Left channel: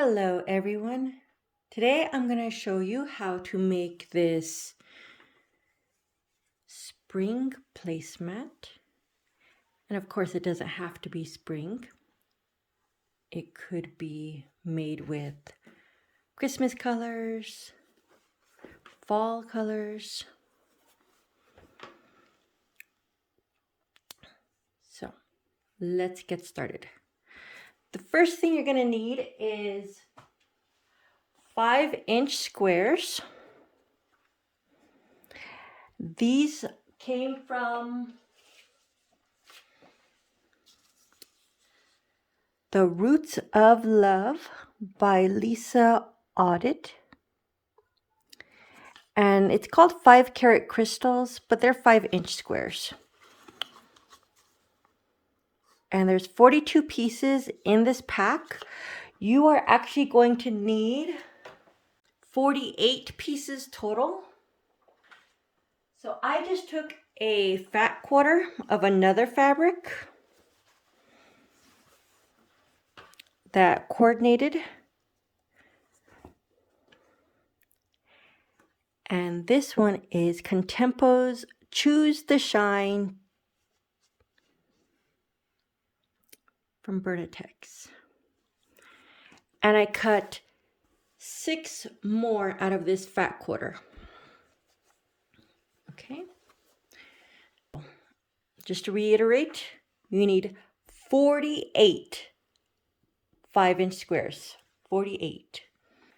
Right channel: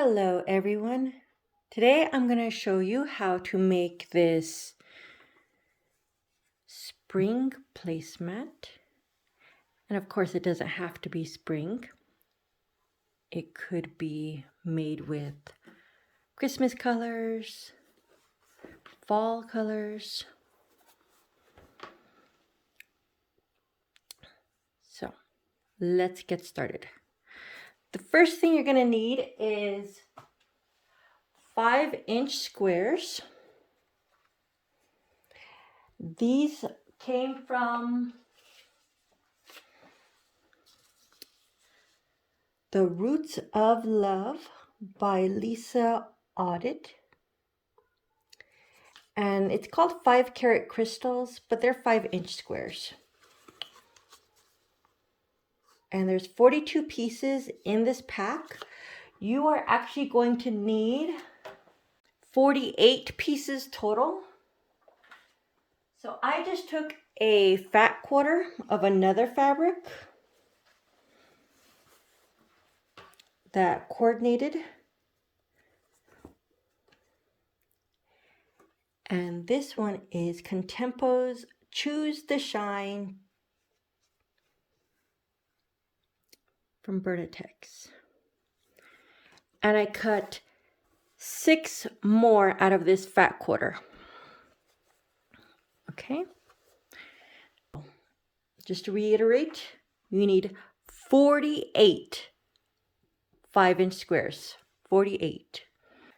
Hello everyone. Today I'm going to show you how to make this spring placemat. And of course it doesn't have to be spring. It could be made with Christmas colors, fall colors. So let's get started. The first thing you're going to need is 5-inch squares. These came from The Roots of Love by Lisa Audit. And it's called 5-carat crystals, but they're 5-inch squares. And there's 42 pieces in this pack. You are actually going to need 48 pieces total. So I just took a fat quarter of another fabric that coordinated. And this one is Contempo's Choose the Shine from Bernatex's. And I cut 6 more out of this fat quarter. Okay. Just to reiterate, you need 48 5-inch squares. 48.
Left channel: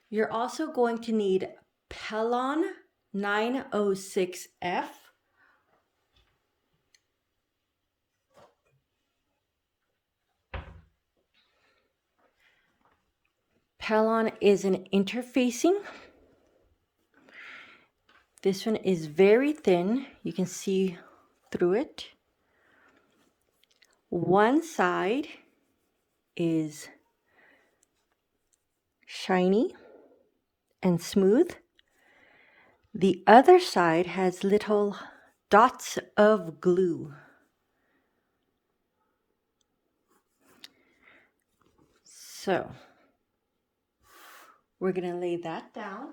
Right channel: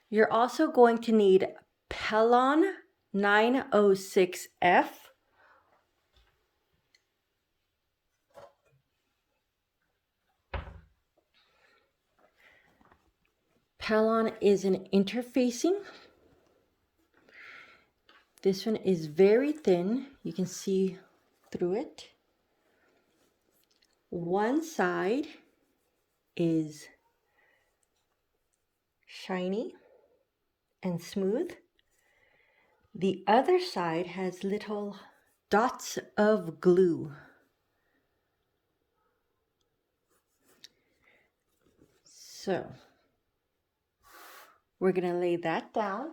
You're also going to need Pellon 906F. Pellon is an interfacing. This one is very thin. You can see through it. One side is shiny and smooth. The other side has little dots of glue. So we're going to lay that down.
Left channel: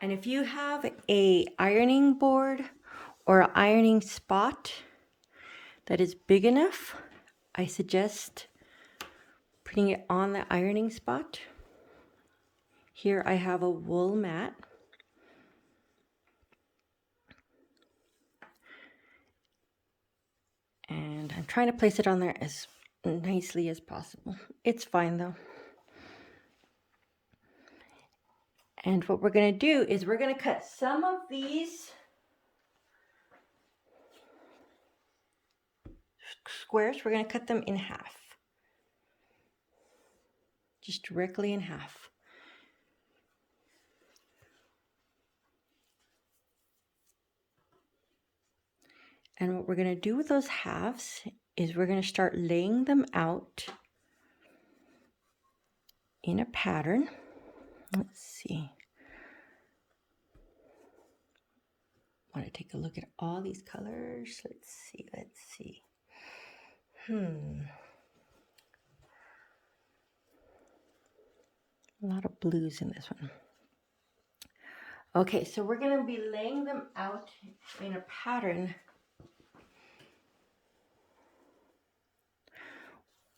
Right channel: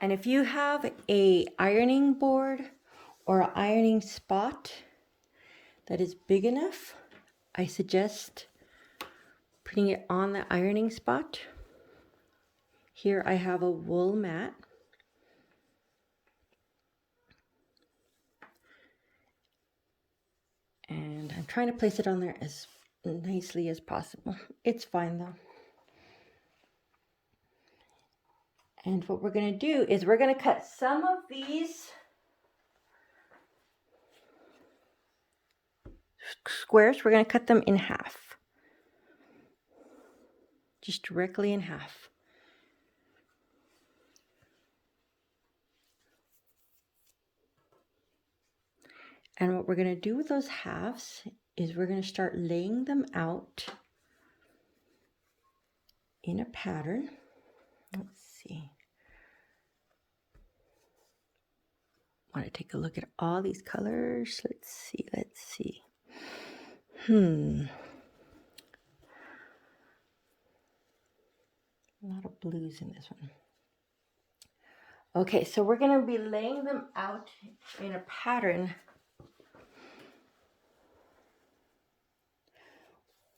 And if you have an ironing board or an ironing spot that is big enough, I suggest putting it on the ironing spot. Here I have a wool mat. And I'm trying to place it on there as nicely as possible. It's fine though. And what we're going to do is we're going to cut some of these squares. We're going to cut them in half. Just directly in half. And what we're going to do with those halves is we're going to start laying them out in a pattern. Let's see. I want to take a look at all these colors. Let's see. A lot of blues in this one. Okay, so we're going to be laying them out in a pattern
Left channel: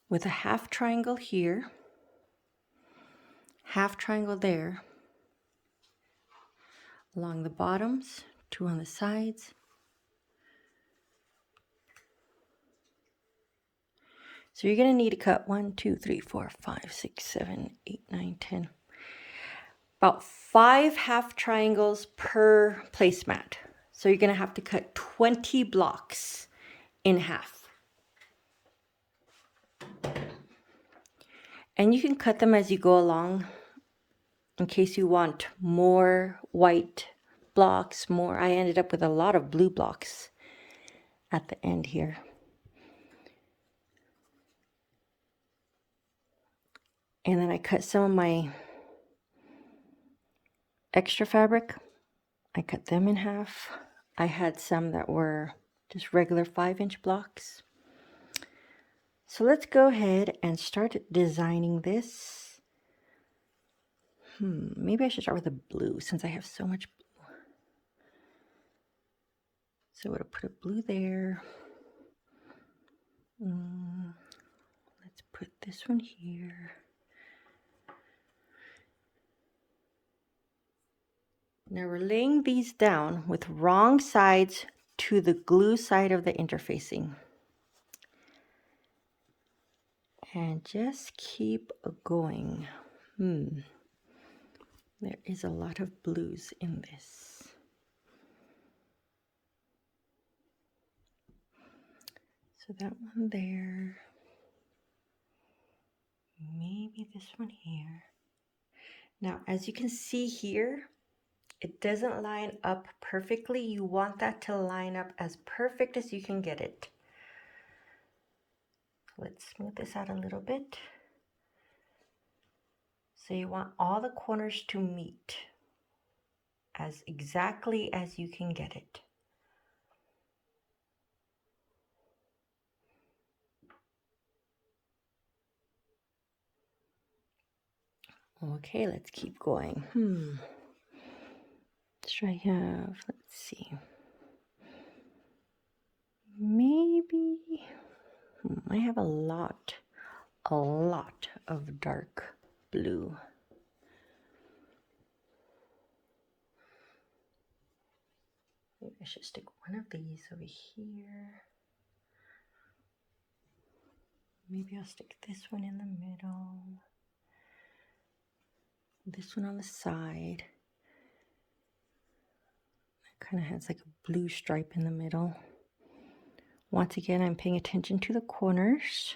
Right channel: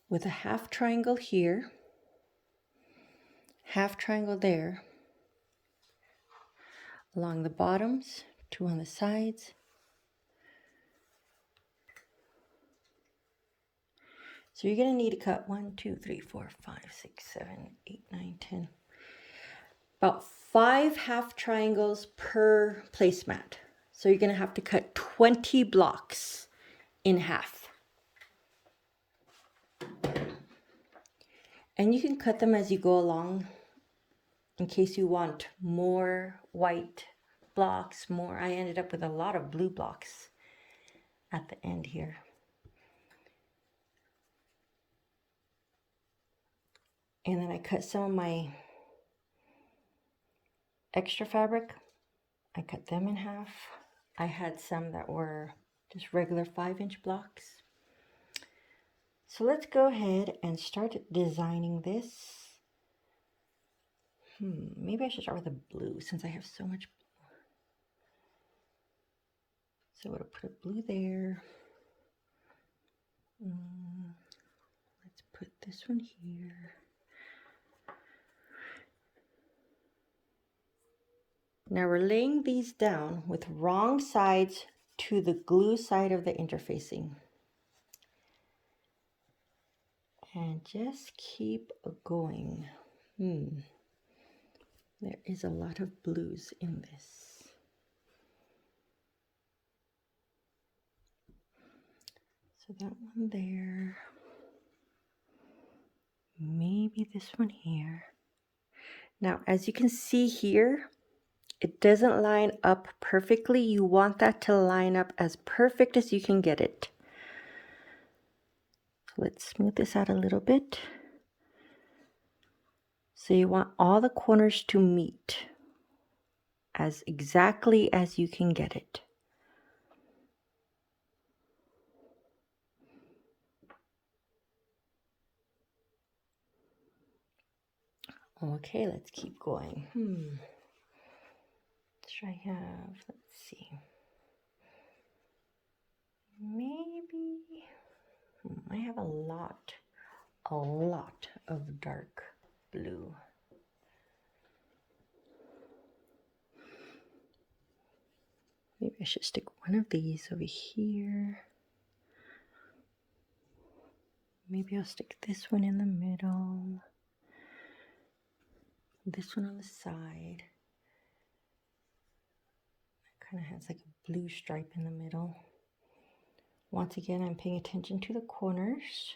with a half triangle here, half triangle there, along the bottoms, 2 on the sides. So you're going to need to cut 1, 2, 3, 4, 5, 6, 7, 8, 9, 10. About 5 half triangles per placemat. So you're going to have to cut 20 blocks in half. And you can cut them as you go along in case you want more white blocks, more. I ended up with a lot of blue blocks at the end here. And then I cut some of my extra fabric. I cut them in half. I had some that were just regular 5-inch blocks. So let's go ahead and start designing this. Maybe I should start with the blue since I have so much blue. So I'm going to put a blue there. Let's put this one here. Now we're laying these down with wrong sides to the glue side of the interfacing. And just keep going. There is a lot of blues in this. So that one there. Maybe this one here. Now, as you can see here, it doesn't line up perfectly. You want that to line up as perfect as you can get it. So let's smooth this out a little bit. So you want all the corners to meet as exactly as you can get it. Okay, let's keep going. Should I have, let's see. Maybe, I have a lot of dark blue. Maybe I should stick one of these over here. Maybe I'll stick this one in the middle. This one on the side. It kind of has like a blue stripe in the middle. Once again, I'm paying attention to the corners.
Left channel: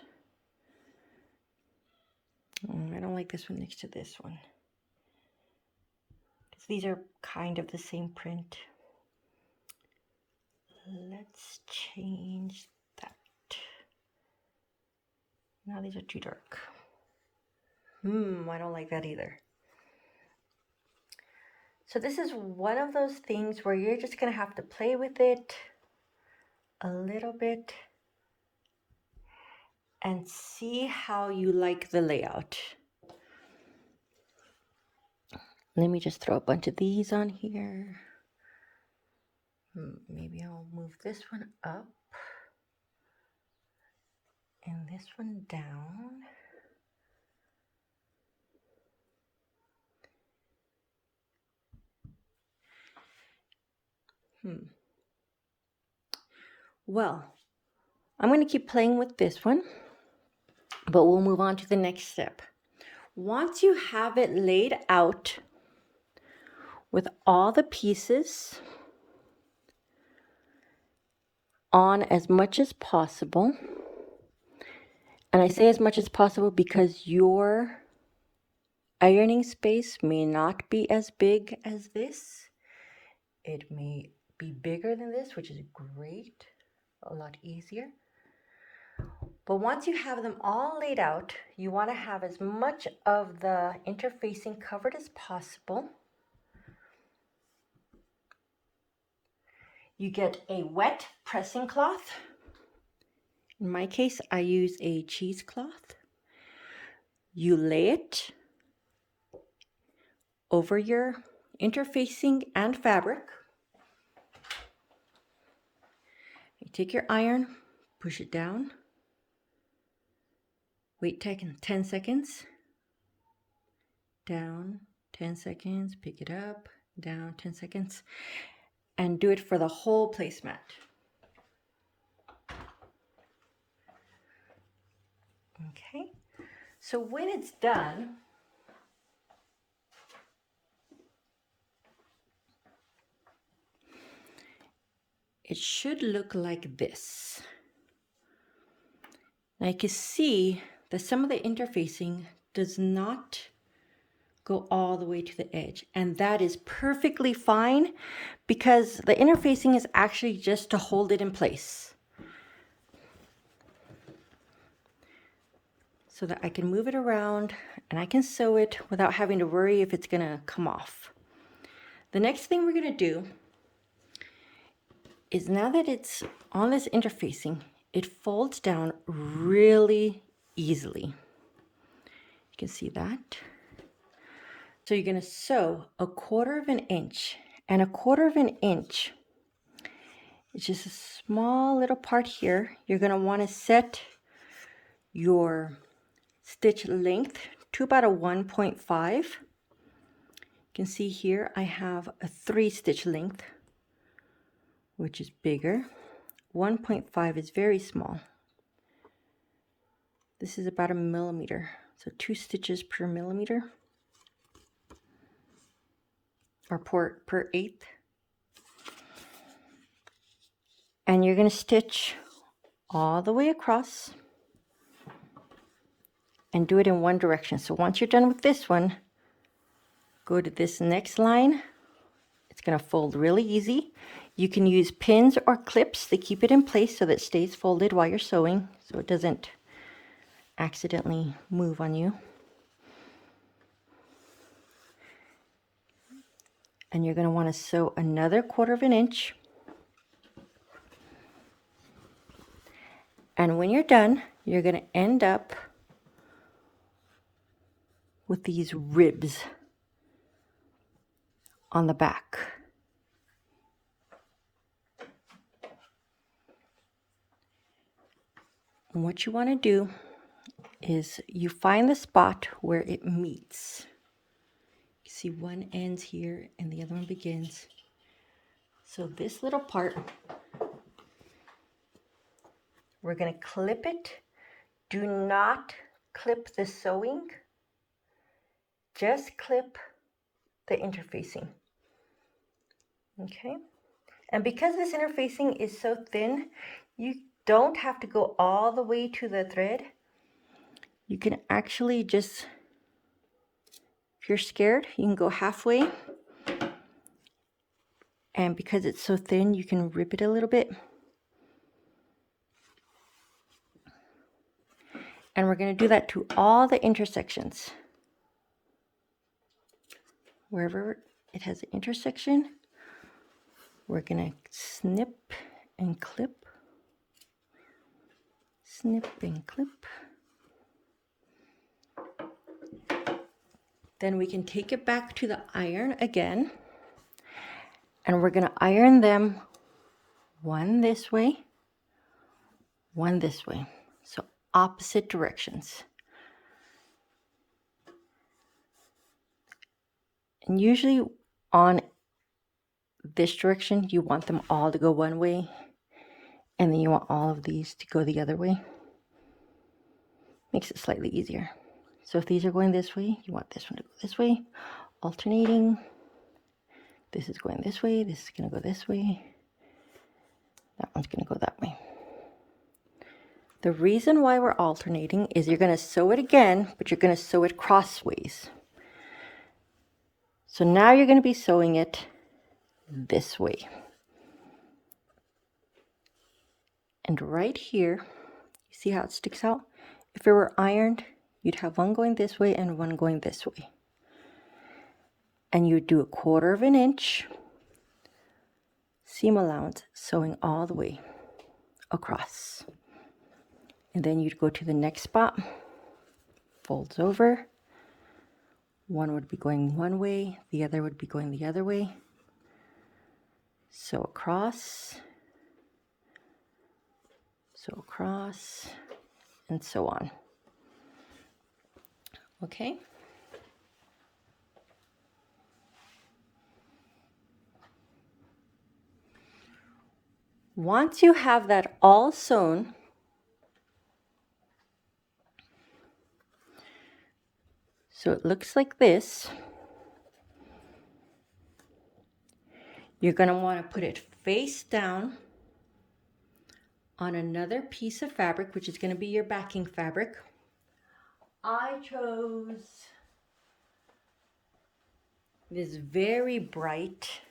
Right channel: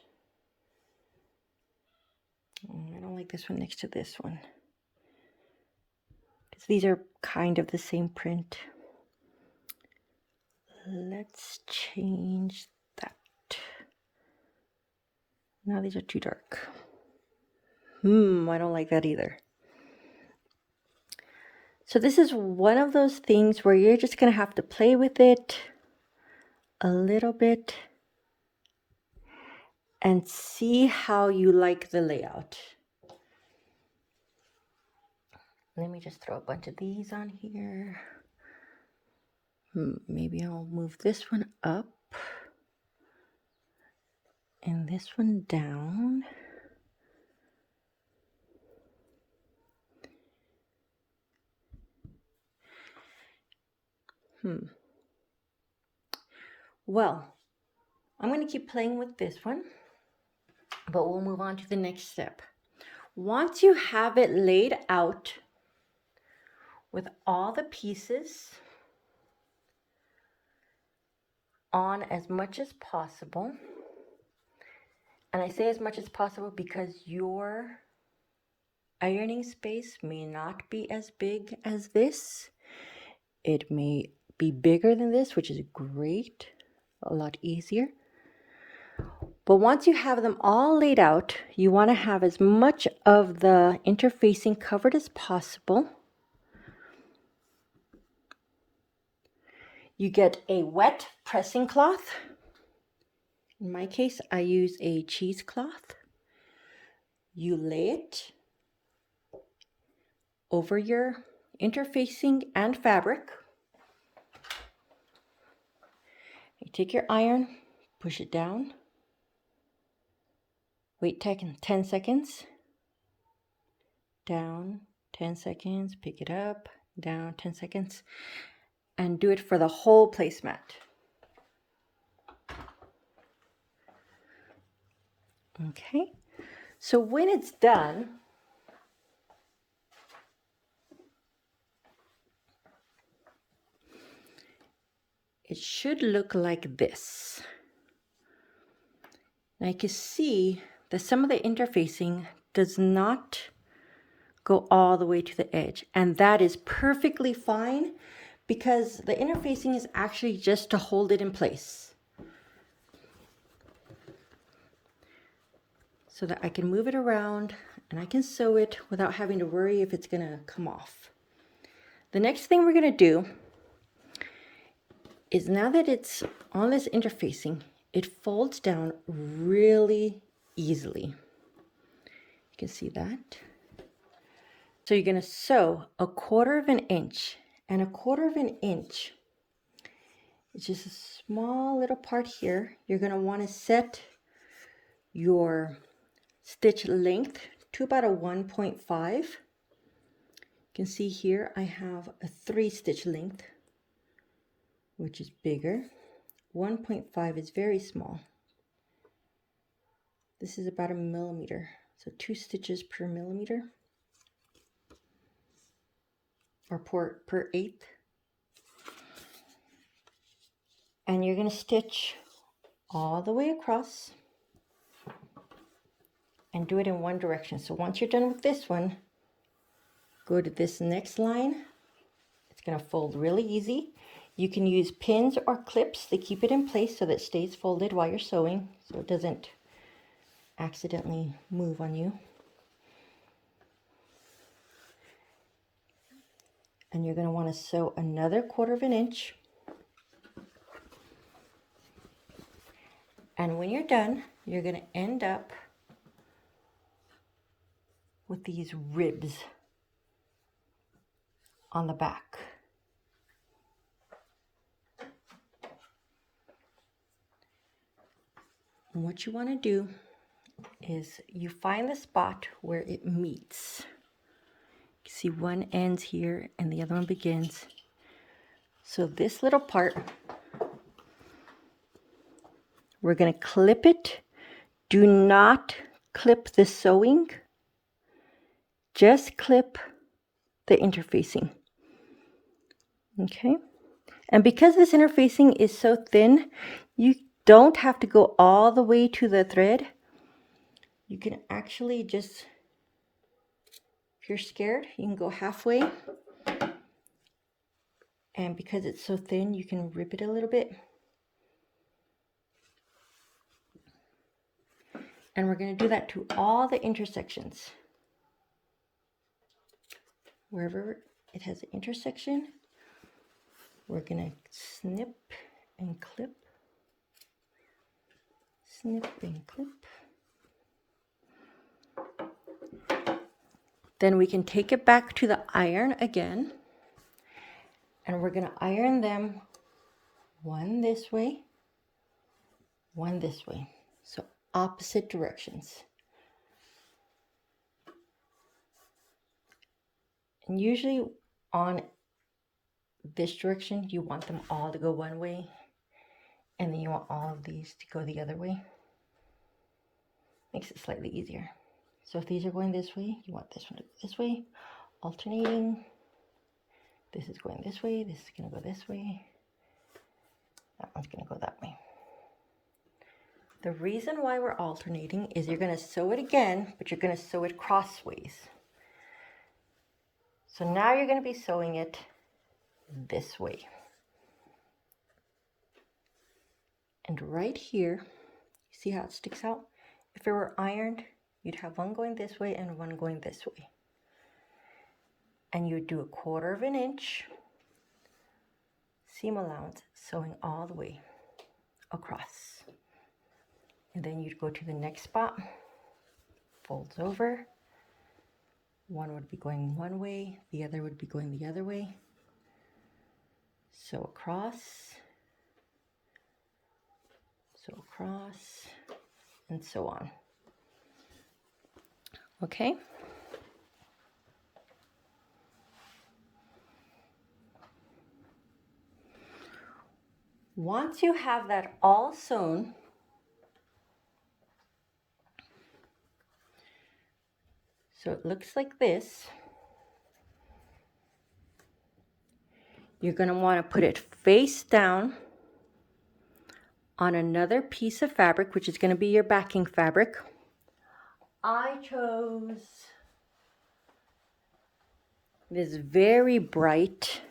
I don't like this one next to this one, because these are kind of the same print. Let's change that. No, these are too dark. I don't like that either. So this is one of those things where you're just going to have to play with it a little bit and see how you like the layout. Let me just throw a bunch of these on here. Maybe I'll move this one up and this one down. Well, I'm going to keep playing with this one, but we'll move on to the next step. Once you have it laid out with all the pieces on as much as possible, and I say as much as possible because your ironing space may not be as big as this. It may be bigger than this, which is great, a lot easier. But once you have them all laid out, you want to have as much of the interfacing covered as possible. You get a wet pressing cloth. In my case, I use a cheesecloth. You lay it over your interfacing and fabric. You take your iron, push it down, wait 10 seconds, down 10 seconds, pick it up, down 10 seconds, and do it for the whole placemat. Okay, so when it's done, it should look like this. Now you can see that some of the interfacing does not go all the way to the edge, and that is perfectly fine because the interfacing is actually just to hold it in place so that I can move it around and I can sew it without having to worry if it's gonna come off. The next thing we're gonna do is, now that it's on this interfacing, it folds down really easily. You can see that. So you're going to sew 1/4 inch, and 1/4 inch is just a small little part here. You're going to want to set your stitch length to about a 1.5. You can see here I have a 3 stitch length, which is bigger. 1.5 is very small. This is about 1 millimeter, so 2 stitches per millimeter, or per eighth. And you're going to stitch all the way across and do it in one direction. So once you're done with this one, go to this next line. It's going to fold really easy. You can use pins or clips to keep it in place so that it stays folded while you're sewing, so it doesn't accidentally move on you. And you're going to want to sew another 1/4 inch. And when you're done, you're going to end up with these ribs on the back. And what you want to do is you find the spot where it meets. You see one ends here and the other one begins. So this little part, we're going to clip it. Do not clip the sewing. Just clip the interfacing. Okay? And because this interfacing is so thin, you don't have to go all the way to the thread. You can actually just, if you're scared, you can go halfway. And because it's so thin, you can rip it a little bit. And we're going to do that to all the intersections. Wherever it has an intersection, we're going to snip and clip. Snip and clip. Then we can take it back to the iron again. And we're going to iron them one this way, one this way. So opposite directions. And usually on this direction, you want them all to go one way. And then you want all of these to go the other way. Makes it slightly easier. So if these are going this way, you want this one to go this way, alternating. This is going this way, this is going to go this way. That one's going to go that way. The reason why we're alternating is you're going to sew it again, but you're going to sew it crossways. So now you're going to be sewing it this way. And right here, you see how it sticks out? If it were ironed, you'd have one going this way and one going this way. And you would do 1/4 inch seam allowance, sewing all the way across. And then you'd go to the next spot, folds over. One would be going one way, the other would be going the other way. Sew across, and so on. Okay? Once you have that all sewn, so it looks like this, you're going to want to put it face down on another piece of fabric, which is going to be your backing fabric. I chose this very bright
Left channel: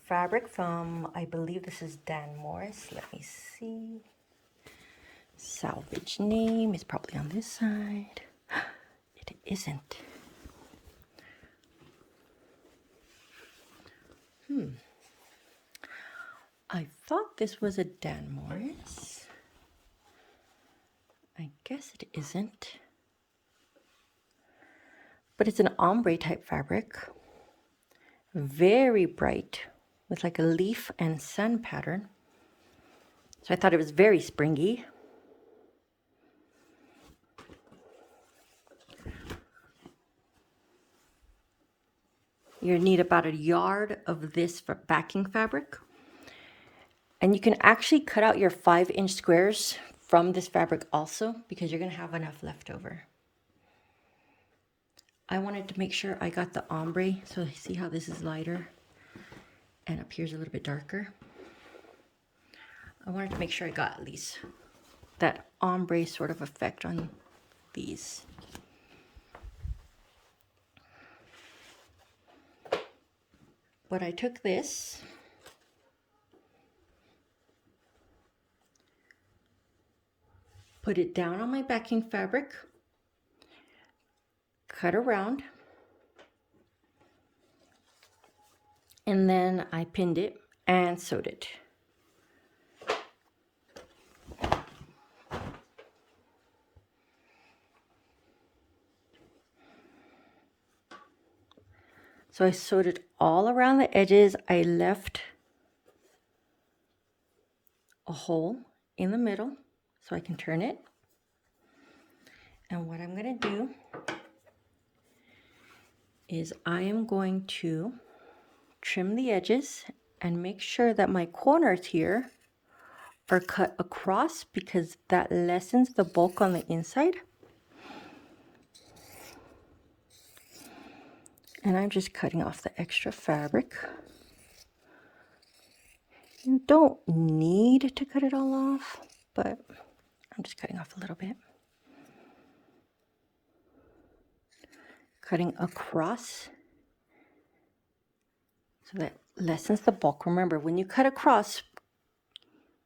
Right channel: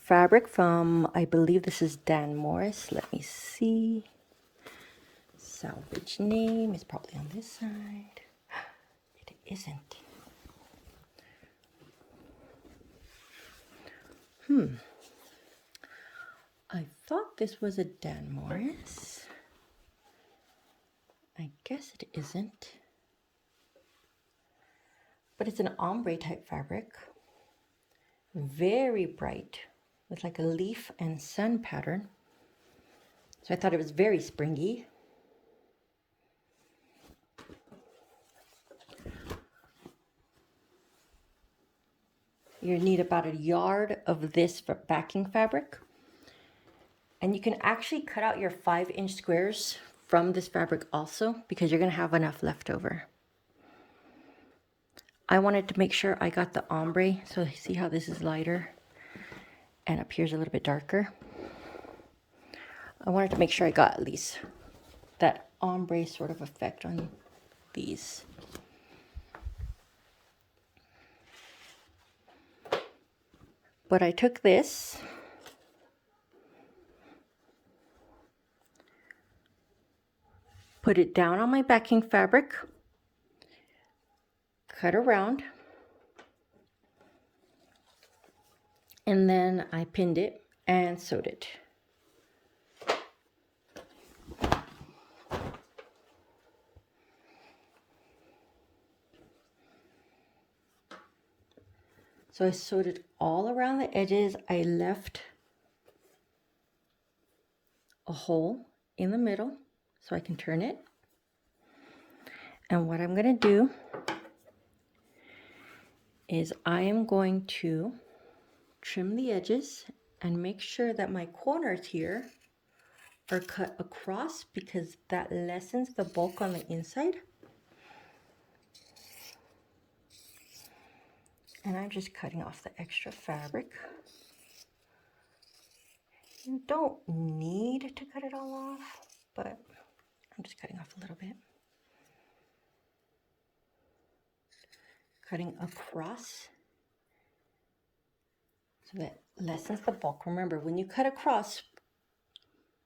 fabric from, I believe this is Dan Morris. Let me see. Salvage name is probably on this side. It isn't. I thought this was a Dan Morris. I guess it isn't. But it's an ombre type fabric. Very bright with like a leaf and sun pattern. So I thought it was very springy. You're gonna need about a yard of this for backing fabric. And you can actually cut out your 5-inch squares from this fabric also, because you're gonna have enough left over. I wanted to make sure I got the ombre, so see how this is lighter and up here's a little bit darker. I wanted to make sure I got at least that ombre sort of effect on these. But I took this, put it down on my backing fabric, cut around, and then I pinned it and sewed it. So I sewed it all around the edges. I left a hole in the middle so I can turn it. And what I'm going to do is I am going to trim the edges and make sure that my corners here are cut across, because that lessens the bulk on the inside. And I'm just cutting off the extra fabric. You don't need to cut it all off, but I'm just cutting off a little bit. Cutting across so that lessens the bulk. Remember, when you cut across,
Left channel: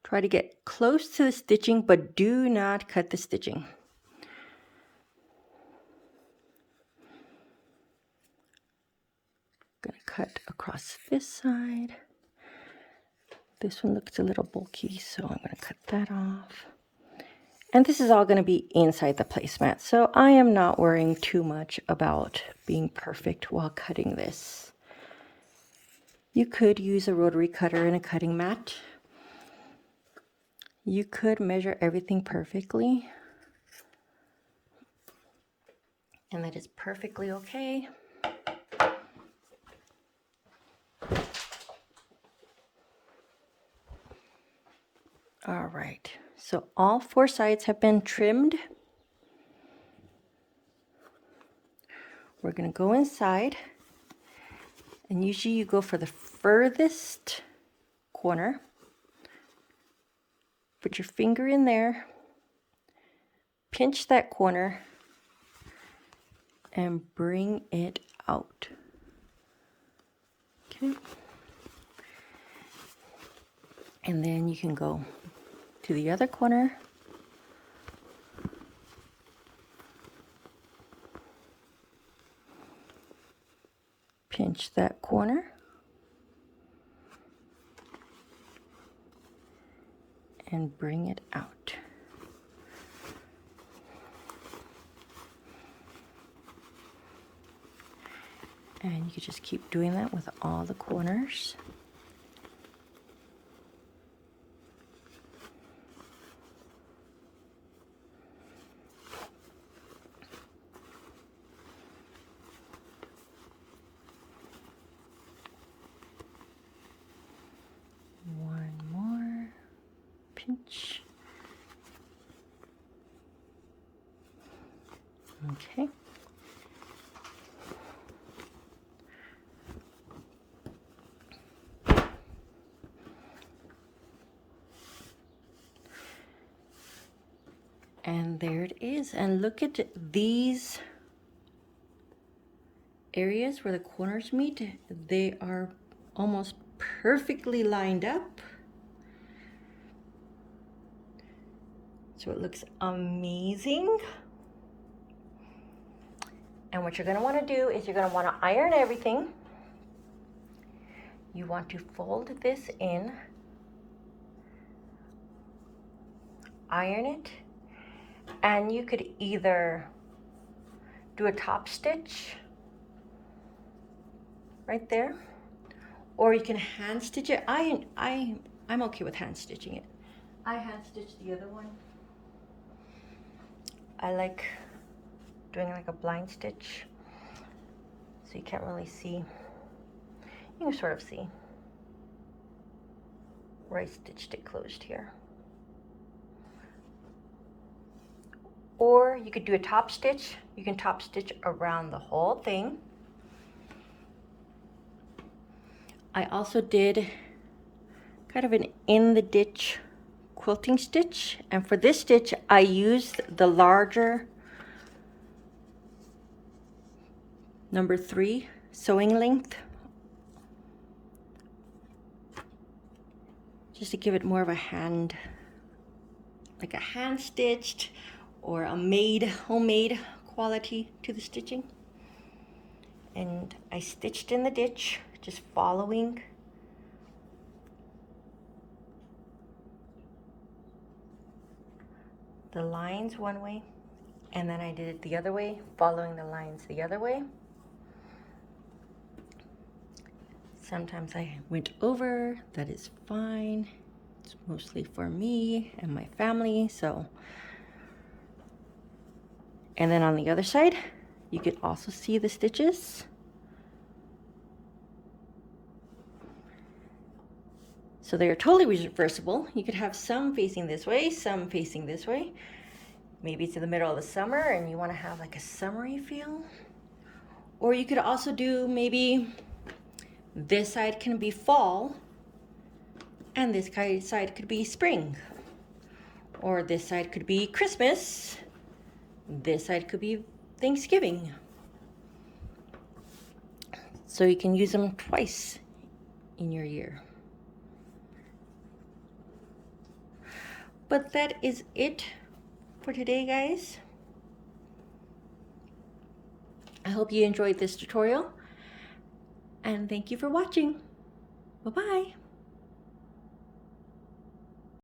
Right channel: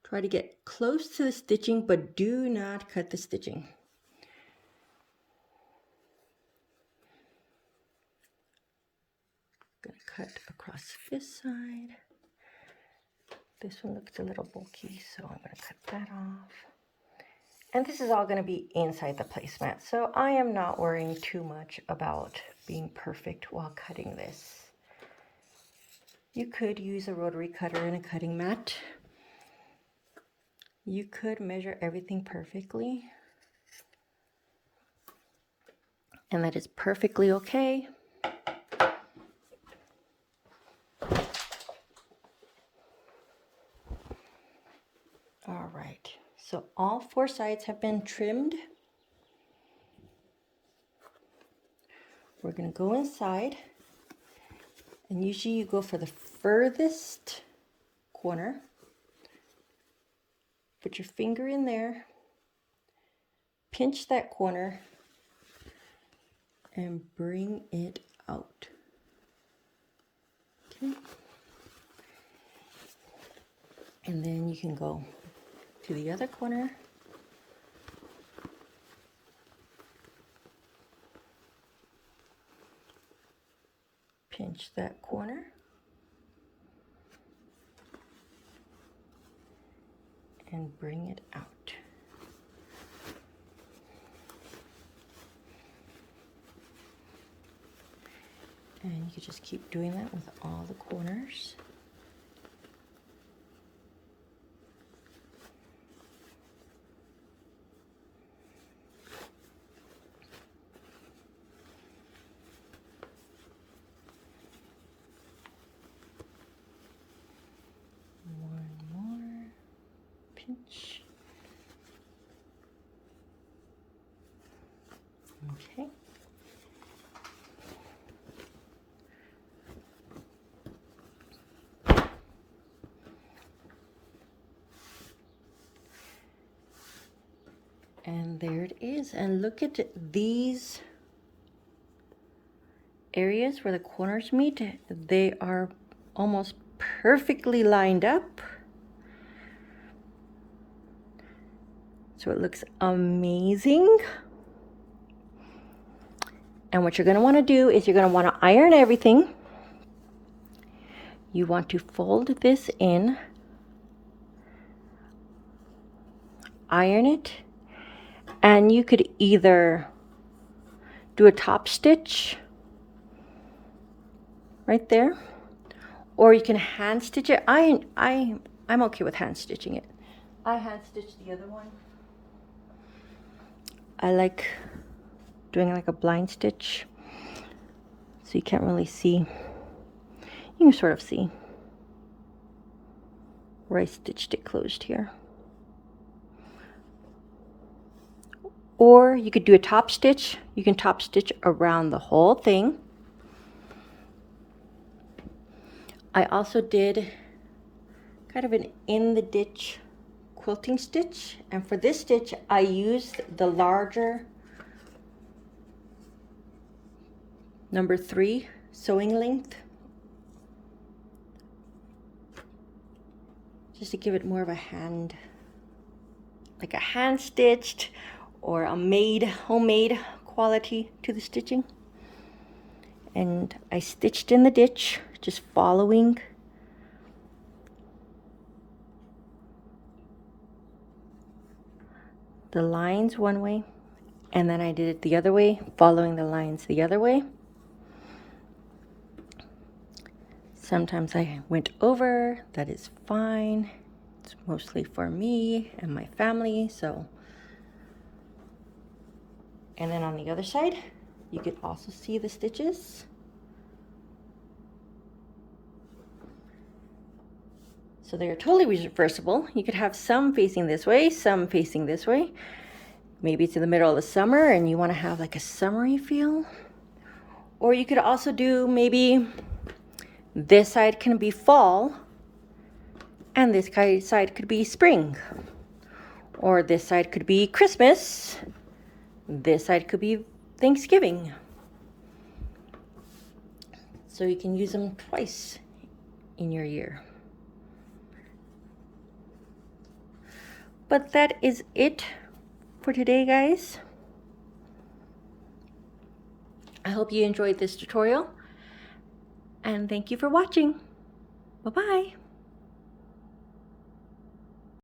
try to get close to the stitching, but do not cut the stitching. I'm going to cut across this side. This one looks a little bulky, so I'm going to cut that off. And this is all going to be inside the placemat, so I am not worrying too much about being perfect while cutting this. You could use a rotary cutter and a cutting mat. You could measure everything perfectly, and that is perfectly okay. All right, so all 4 sides have been trimmed. We're going to go inside, and usually you go for the furthest corner. Put your finger in there, pinch that corner, and bring it out. Okay. And then you can go to the other corner. Pinch that corner. And bring it out. And you can just keep doing that with all the corners. One more pinch. Okay. And there it is. And look at these areas where the corners meet. They are almost perfectly lined up. So it looks amazing. And what you're going to want to do is you're going to want to iron everything. You want to fold this in iron it, and you could either do a top stitch right there, or you can hand stitch it. I'm okay with hand stitching it. I hand stitched the other one. I like doing like a blind stitch, so you can't really see. You can sort of see where I stitched it closed here. Or you could do a top stitch. You can top stitch around the whole thing. I also did kind of an in the ditch quilting stitch, and for this stitch I used the larger number 3 sewing length, just to give it more of a hand, like a hand stitched or a homemade quality to the stitching. And I stitched in the ditch, just following the lines one way, and then I did it the other way, following the lines the other way. Sometimes I went over, that is fine. It's mostly for me and my family, so. And then on the other side, you could also see the stitches. So they are totally reversible. You could have some facing this way, some facing this way. Maybe it's in the middle of the summer and you want to have like a summery feel. Or you could also do maybe this side can be fall and this side could be spring. Or this side could be Christmas. This side could be Thanksgiving. So you can use them twice in your year. But that is it for today, guys. I hope you enjoyed this tutorial, and thank you for watching. Bye-bye.